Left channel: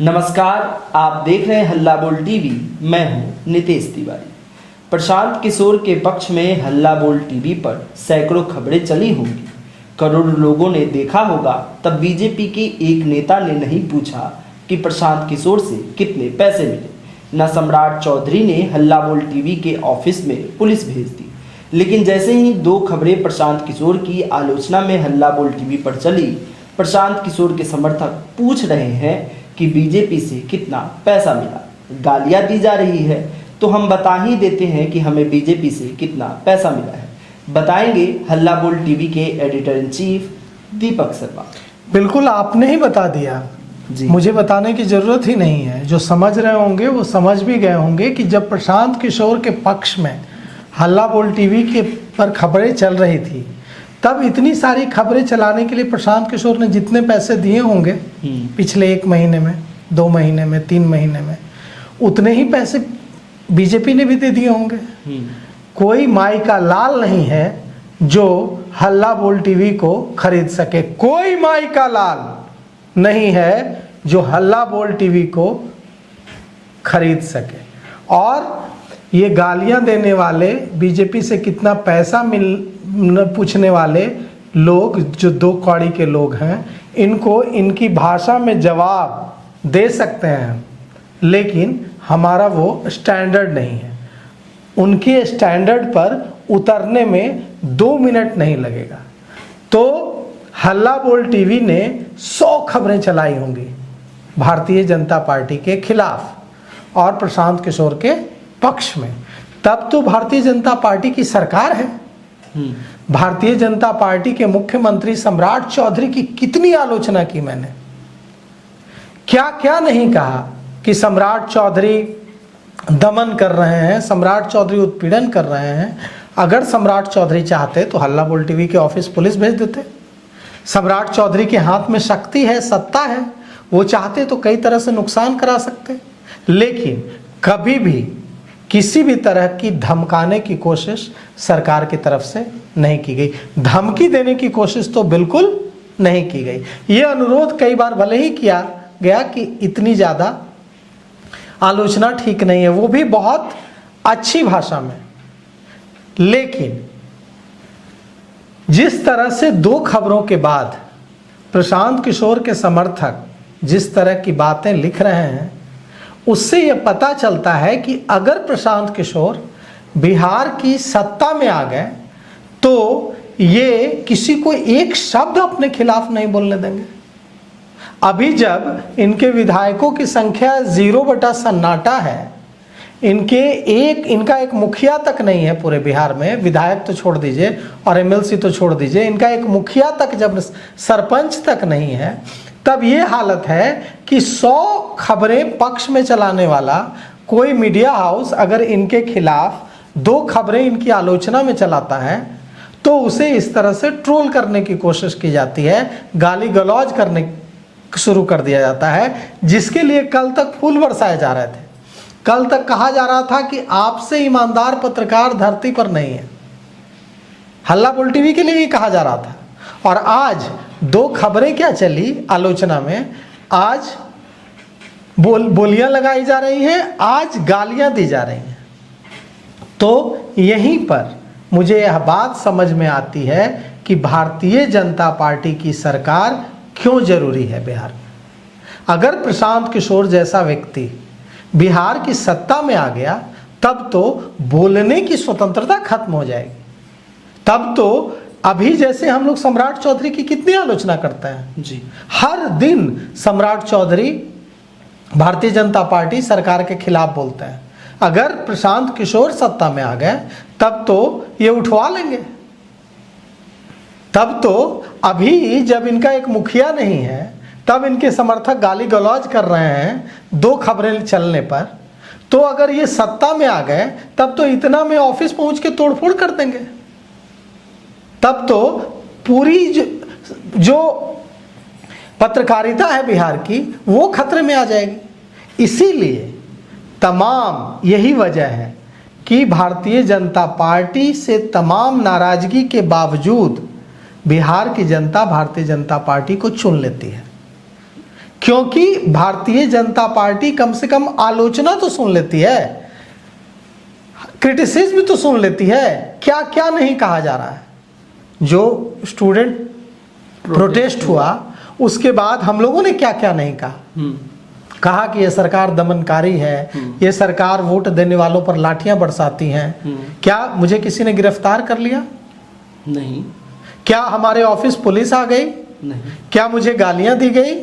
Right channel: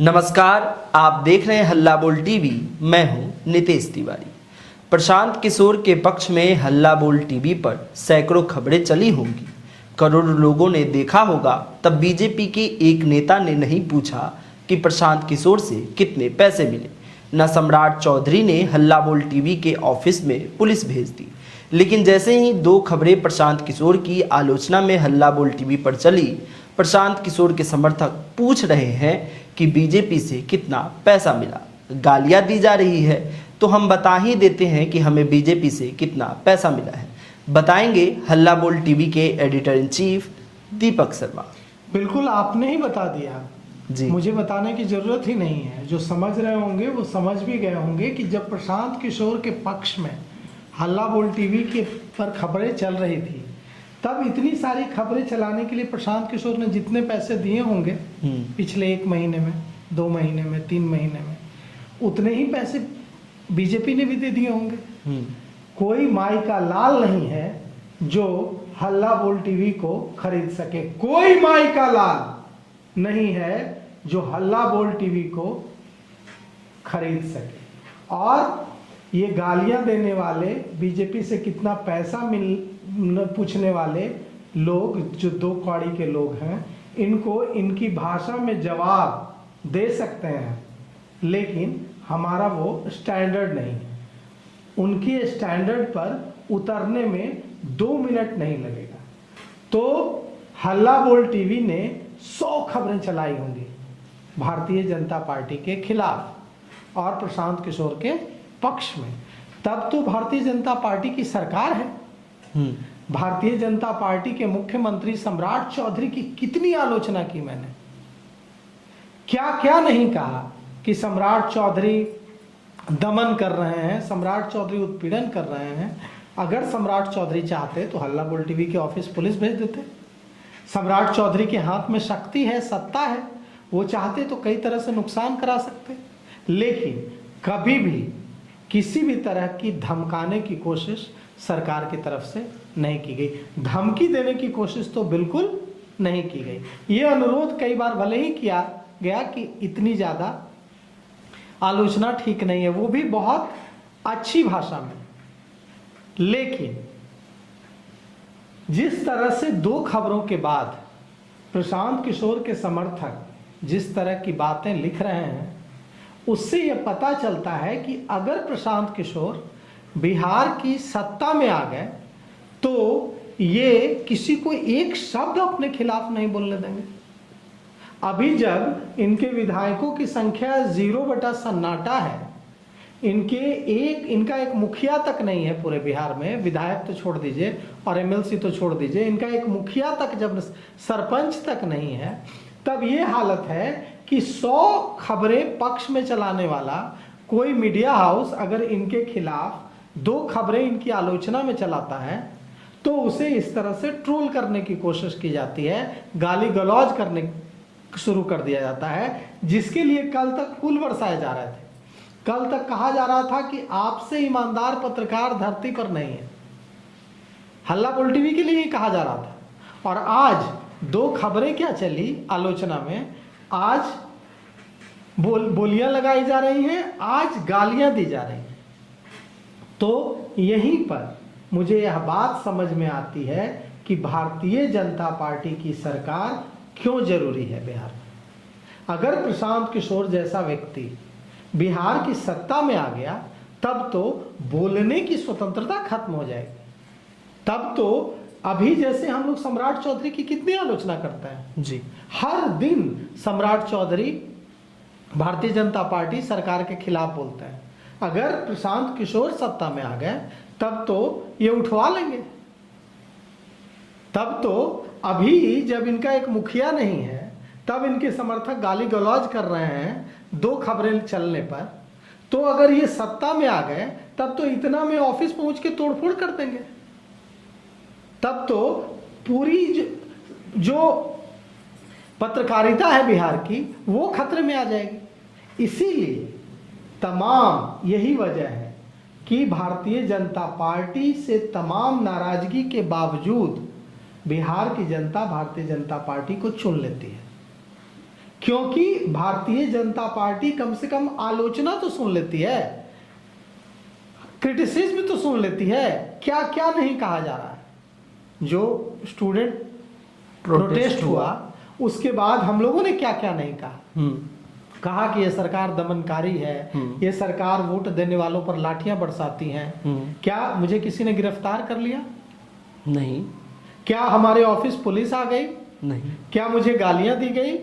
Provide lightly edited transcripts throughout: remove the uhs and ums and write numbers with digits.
नमस्कार, आप देख रहे हैं हल्ला बोल टीवी। मैं हूं नितेश तिवारी। प्रशांत किशोर के पक्ष में हल्ला बोल टीवी पर सैकड़ों खबरें चली होंगी, करोड़ों लोगों ने देखा होगा। तब बीजेपी के एक नेता ने नहीं पूछा कि प्रशांत किशोर से कितने पैसे मिले। न सम्राट चौधरी ने हल्ला बोल टीवी के ऑफिस में पुलिस भेज दी। लेकिन जैसे ही दो खबरें प्रशांत किशोर की आलोचना में हल्ला बोल टीवी पर चली, प्रशांत किशोर के समर्थक पूछ रहे हैं कि बीजेपी से कितना पैसा मिला, गालियां दी जा रही है। तो हम बता ही देते हैं कि हमें बीजेपी से कितना पैसा मिला है। बताएंगे हल्ला बोल टीवी के editor in chief Deepak Sharma. बिल्कुल, आपने ही बता दिया जी। मुझे बताने की जरूरत ही नहीं है। जो समझ रहे होंगे वो समझ भी गए होंगे कि जब प्रशांत किशोर के पक्ष में हल्ला बोल टीवी के पर खबरें चल रही थी, तब इतनी सारी खबरें चलाने के लिए प्रशांत किशोर ने जितने पैसे दिए होंगे पिछले 1 महीने में, 2 महीने में, 3 महीने में, उतने ही पैसे बीजेपी ने भी दे दिए होंगे। कोई माई का लाल नहीं है जो हल्ला बोल टीवी को खरीद सके। कोई माई का लाल नहीं है जो हल्ला बोल टीवी को खरीद सके। और ये गालियां देने वाले, बीजेपी से कितना पैसा पूछने वाले लोग, जो 2 कौड़ी के लोग हैं, इनको इनकी भाषा में जवाब दे सकते हैं, लेकिन हमारा वो स्टैंडर्ड नहीं है। उनके स्टैंडर्ड पर उतरने में 2 मिनट नहीं लगेगा। तो हल्ला बोल टीवी ने 100 खबरें चलाई होंगी भारतीय जनता पार्टी के खिलाफ और प्रशांत किशोर के पक्ष में। तब तो भारतीय जनता पार्टी की सरकार है। भारतीय जनता पार्टी के मुख्यमंत्री सम्राट चौधरी की कितनी आलोचना की मैंने, क्या क्या नहीं कहा कि सम्राट चौधरी दमन कर रहे हैं, सम्राट चौधरी उत्पीड़न कर रहे हैं। अगर सम्राट चौधरी चाहते तो हल्ला बोल टीवी के ऑफिस पुलिस भेज देते। सम्राट चौधरी के हाथ में शक्ति है, सत्ता है, वो चाहते तो कई तरह से नुकसान करा सकते। लेकिन कभी भी किसी भी तरह की धमकाने की कोशिश सरकार की तरफ से नहीं की गई। धमकी देने की कोशिश तो बिल्कुल नहीं की गई। ये अनुरोध कई बार भले ही किया गया कि इतनी ज़्यादा आलोचना ठीक नहीं है, वो भी बहुत अच्छी भाषा में। लेकिन जिस तरह से 2 खबरों के बाद प्रशांत किशोर के समर्थक जिस तरह की बातें लिख रहे हैं, उससे यह पता चलता है कि अगर प्रशांत किशोर बिहार की सत्ता में आ गए तो ये किसी को एक शब्द अपने खिलाफ नहीं बोलने देंगे। अभी जब इनके विधायकों की संख्या 0/सन्नाटा है, इनका एक मुखिया तक नहीं है पूरे बिहार में, विधायक तो छोड़ दीजिए और एमएलसी तो छोड़ दीजिए, इनका एक मुखिया तक, जब सरपंच तक नहीं है, तब ये हालत है कि 100 खबरें पक्ष में चलाने वाला कोई मीडिया हाउस अगर इनके खिलाफ 2 खबरें इनकी आलोचना में चलाता है तो उसे इस तरह से ट्रोल करने की कोशिश की जाती है, गाली गलौज करने शुरू कर दिया जाता है, जिसके लिए कल तक फूल बरसाए जा रहे थे। कल तक कहा जा रहा था कि आपसे ईमानदार पत्रकार धरती पर नहीं है। हल्ला बोल टीवी के लिए ही कहा जा रहा था। और आज 2 खबरें क्या चली आलोचना में, आज बोलियां लगाई जा रही हैं, आज गालियां दी जा रही हैं। तो यहीं पर मुझे यह बात समझ में आती है कि भारतीय जनता पार्टी की सरकार क्यों जरूरी है बिहार में। अगर प्रशांत किशोर जैसा व्यक्ति बिहार की सत्ता में आ गया, तब तो बोलने की स्वतंत्रता खत्म हो जाएगी। तब तो अभी जैसे हम लोग सम्राट चौधरी की कितनी आलोचना करते हैं जी, हर दिन सम्राट चौधरी भारतीय जनता पार्टी सरकार के खिलाफ बोलते हैं। अगर प्रशांत किशोर सत्ता में आ गए तब तो ये उठवा लेंगे। तब तो अभी जब इनका एक मुखिया नहीं है, तब इनके समर्थक गाली गलौज कर रहे हैं 2 खबरें चलने पर, तो अगर ये सत्ता में आ गए तब तो इतना में ऑफिस पहुंच के तोड़फोड़ कर देंगे। तब तो पूरी जो पत्रकारिता है बिहार की, वो खतरे में आ जाएगी। इसीलिए तमाम यही वजह है कि भारतीय जनता पार्टी से तमाम नाराजगी के बावजूद बिहार की जनता भारतीय जनता पार्टी को चुन लेती है। क्योंकि भारतीय जनता पार्टी कम से कम आलोचना तो सुन लेती है, क्रिटिसिज्म तो सुन लेती है। क्या क्या नहीं कहा जा रहा है। जो स्टूडेंट प्रोटेस्ट हुआ उसके बाद हम लोगों ने क्या क्या नहीं कहा। कहा कि ये सरकार दमनकारी है, ये सरकार वोट देने वालों पर लाठियां बरसाती हैं। क्या मुझे किसी ने गिरफ्तार कर लिया? नहीं। क्या हमारे ऑफिस पुलिस आ गई? नहीं। क्या मुझे गालियां दी गई?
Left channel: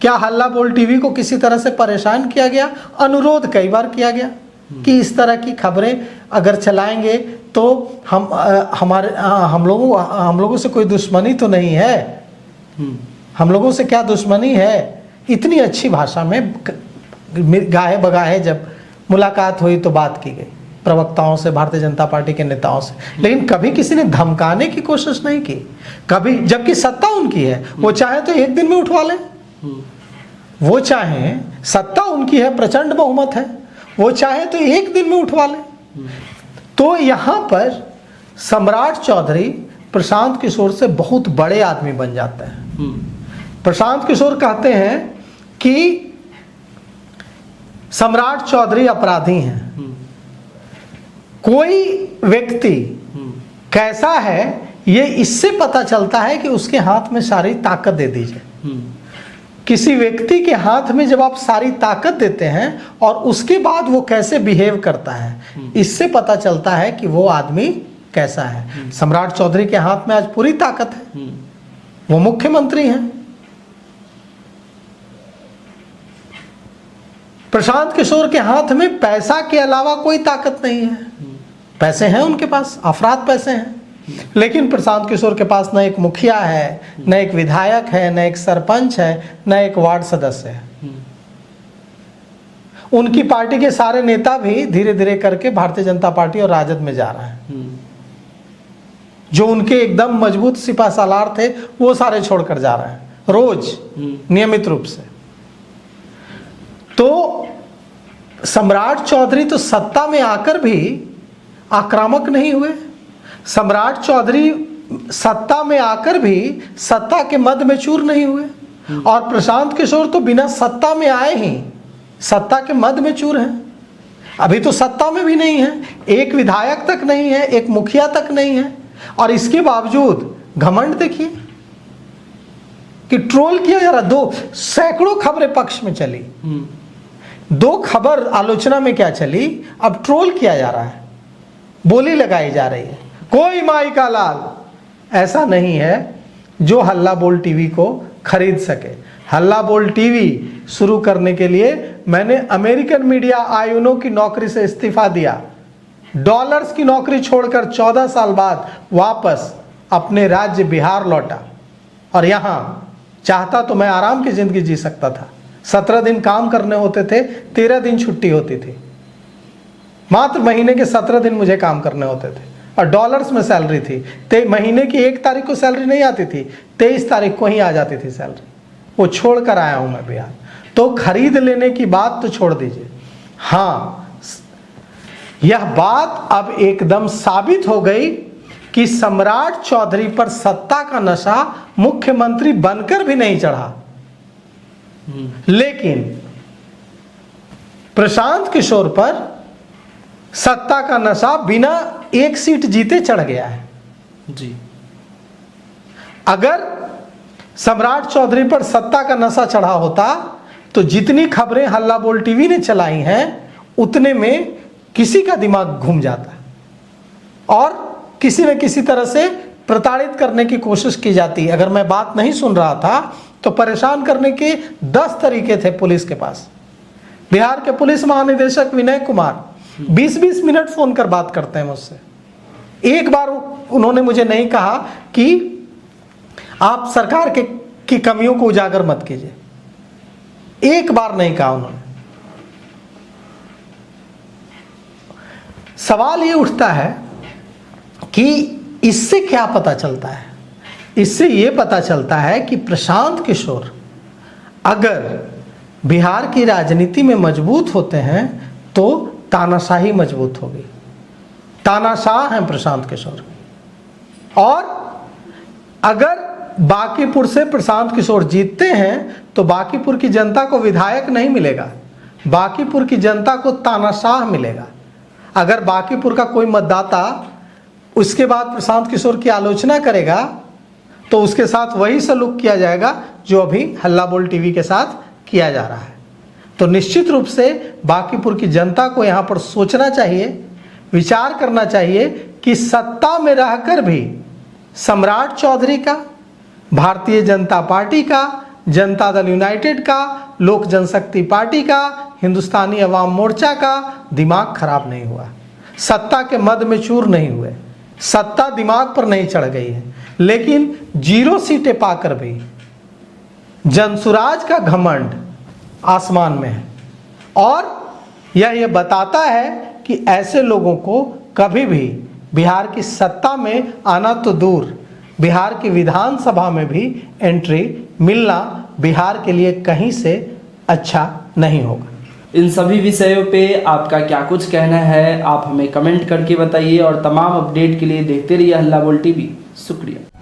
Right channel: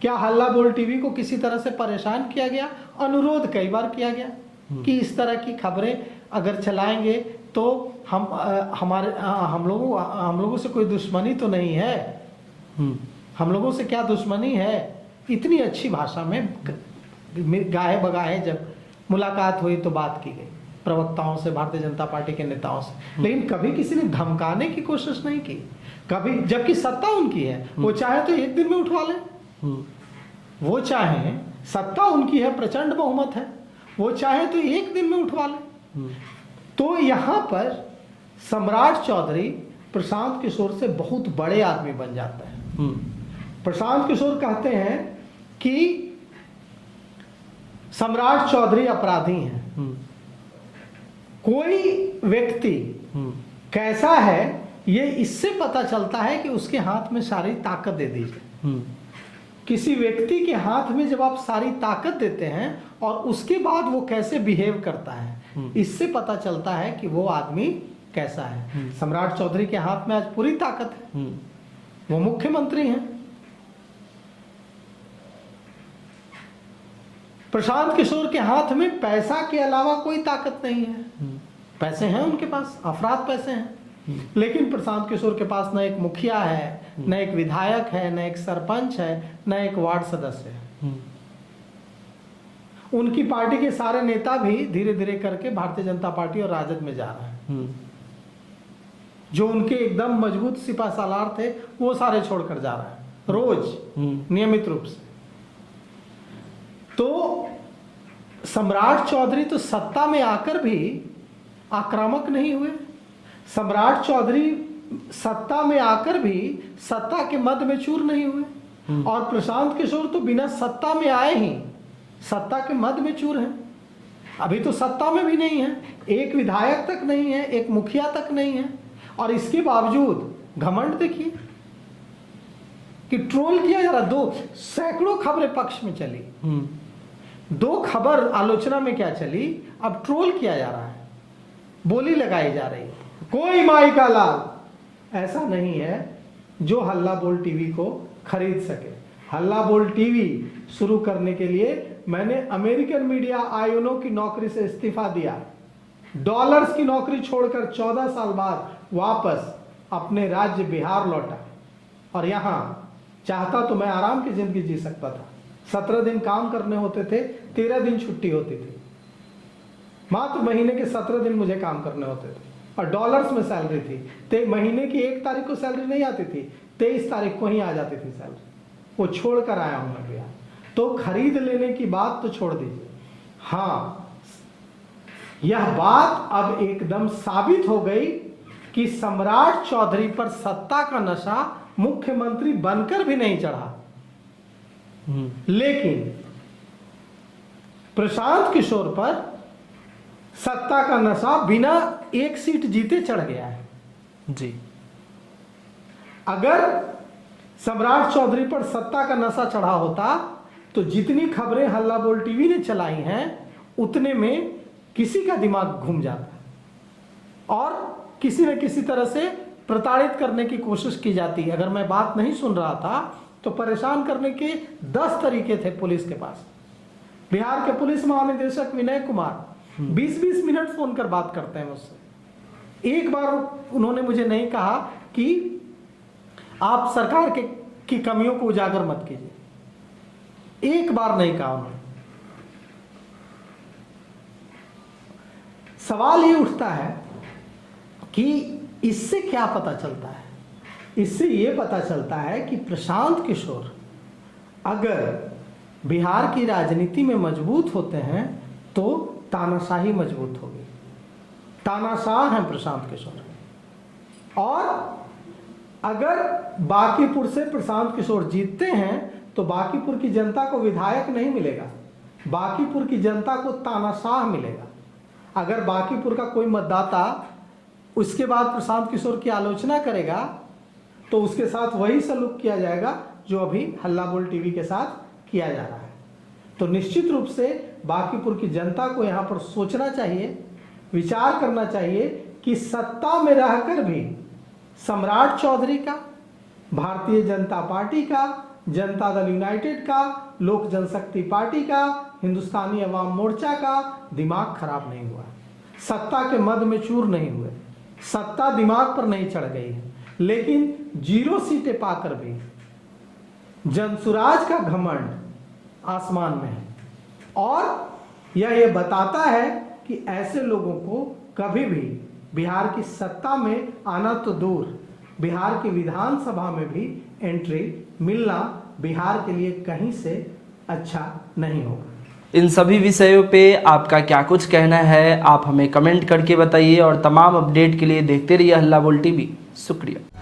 क्या हल्ला बोल टीवी को किसी तरह से परेशान किया गया? अनुरोध कई बार किया गया कि इस तरह की खबरें अगर चलाएंगे तो हम लोगों से कोई दुश्मनी तो नहीं है। हम लोगों से क्या दुश्मनी है? इतनी अच्छी भाषा में गाहे बगाहे जब मुलाकात हुई तो बात की गई प्रवक्ताओं से, भारतीय जनता पार्टी के नेताओं से, लेकिन कभी किसी ने धमकाने की कोशिश नहीं की कभी। जबकि सत्ता उनकी है, वो चाहे तो एक दिन में उठवा लें, वो चाहे, सत्ता उनकी है, प्रचंड बहुमत है, वो चाहे तो एक दिन में उठवा लें। तो यहां पर सम्राट चौधरी प्रशांत किशोर से बहुत बड़े आदमी बन जाते हैं। प्रशांत किशोर कहते हैं कि सम्राट चौधरी अपराधी हैं। कोई व्यक्ति कैसा है ये इससे पता चलता है कि उसके हाथ में सारी ताकत दे दीजिए। किसी व्यक्ति के हाथ में जब आप सारी ताकत देते हैं और उसके बाद वो कैसे बिहेव करता है, इससे पता चलता है कि वो आदमी कैसा है। सम्राट चौधरी के हाथ में आज पूरी ताकत है, वो मुख्यमंत्री हैं। प्रशांत किशोर के हाथ में पैसा के अलावा कोई ताकत नहीं है। पैसे हैं उनके पास, अफराद पैसे हैं, लेकिन प्रशांत किशोर के पास न एक मुखिया है, न एक विधायक है, न एक सरपंच है, न एक वार्ड सदस्य है। उनकी पार्टी के सारे नेता भी धीरे धीरे करके भारतीय जनता पार्टी और राजद में जा रहे हैं। जो उनके एकदम मजबूत सिपा सालार थे वो सारे छोड़कर जा रहे हैं रोज, नियमित रूप से। तो सम्राट चौधरी तो सत्ता में आकर भी आक्रामक नहीं हुए। सम्राट चौधरी सत्ता में आकर भी सत्ता के मद में चूर नहीं हुए। और प्रशांत किशोर तो बिना सत्ता में आए ही सत्ता के मद में चूर हैं। अभी तो सत्ता में भी नहीं है, एक विधायक तक नहीं है, एक मुखिया तक नहीं है, और इसके बावजूद घमंड देखिए कि ट्रोल किया जा रहा। सैकड़ों खबरें पक्ष में चली, 2 खबर आलोचना में क्या चली, अब ट्रोल किया जा रहा है, बोली लगाई जा रही है। कोई माई का लाल ऐसा नहीं है जो हल्ला बोल टीवी को खरीद सके। हल्ला बोल टीवी शुरू करने के लिए मैंने अमेरिकन मीडिया आयुनों की नौकरी से इस्तीफा दिया, डॉलर्स की नौकरी छोड़कर 14 साल बाद वापस अपने राज्य बिहार लौटा, और यहां चाहता तो मैं आराम की जिंदगी जी सकता था। 17 दिन काम करने होते थे, 13 दिन छुट्टी होती थी। मात्र महीने के 17 दिन मुझे काम करने होते थे और डॉलर्स में सैलरी थी। महीने की 1 तारीख को सैलरी नहीं आती थी, 23 तारीख को ही आ जाती थी सैलरी। वो छोड़ कर आया हूं मैं बिहार। तो खरीद लेने की बात तो छोड़ दीजिए। हाँ, यह बात अब एकदम साबित हो गई कि सम्राट चौधरी पर सत्ता का नशा मुख्यमंत्री बनकर भी नहीं चढ़ा, लेकिन प्रशांत किशोर पर सत्ता का नशा बिना 1 सीट जीते चढ़ गया है जी। अगर सम्राट चौधरी पर सत्ता का नशा चढ़ा होता तो जितनी खबरें हल्ला बोल टीवी ने चलाई हैं उतने में किसी का दिमाग घूम जाता और किसी न किसी तरह से प्रताड़ित करने की कोशिश की जाती। अगर मैं बात नहीं सुन रहा था तो परेशान करने के 10 तरीके थे पुलिस के पास। बिहार के पुलिस महानिदेशक विनय कुमार 20-20 मिनट फोन कर बात करते हैं मुझसे। एक बार उन्होंने मुझे नहीं कहा कि आप सरकार की कमियों को उजागर मत कीजिए, एक बार नहीं कहा उन्होंने। सवाल ये उठता है कि इससे क्या पता चलता है? इससे ये पता चलता है कि प्रशांत किशोर अगर बिहार की राजनीति में मजबूत होते हैं तो तानाशाही मजबूत होगी। तानाशाह हैं प्रशांत किशोर। और अगर बांकीपुर से प्रशांत किशोर जीतते हैं तो बांकीपुर की जनता को विधायक नहीं मिलेगा, बांकीपुर की जनता को तानाशाह मिलेगा। अगर बांकीपुर का कोई मतदाता उसके बाद प्रशांत किशोर की आलोचना करेगा तो उसके साथ वही सलूक किया जाएगा जो अभी हल्ला बोल टीवी के साथ किया जा रहा है। तो निश्चित रूप से बांकीपुर की जनता को यहाँ पर सोचना चाहिए, विचार करना चाहिए कि सत्ता में रहकर भी सम्राट चौधरी का, भारतीय जनता पार्टी का, जनता दल यूनाइटेड का, लोक जनशक्ति पार्टी का, हिंदुस्तानी अवाम मोर्चा का दिमाग खराब नहीं हुआ, सत्ता के मद में चूर नहीं हुए, सत्ता दिमाग पर नहीं चढ़ गई है, लेकिन 0 सीटें पाकर भी जनसुराज का घमंड आसमान में है। और यह बताता है कि ऐसे लोगों को कभी भी बिहार की सत्ता में आना तो दूर, बिहार की विधानसभा में भी एंट्री मिलना बिहार के लिए कहीं से अच्छा नहीं होगा। इन सभी विषयों पे आपका क्या कुछ कहना है, आप हमें कमेंट करके बताइए और तमाम अपडेट के लिए देखते रहिए हल्ला बोल टीवी। शुक्रिया।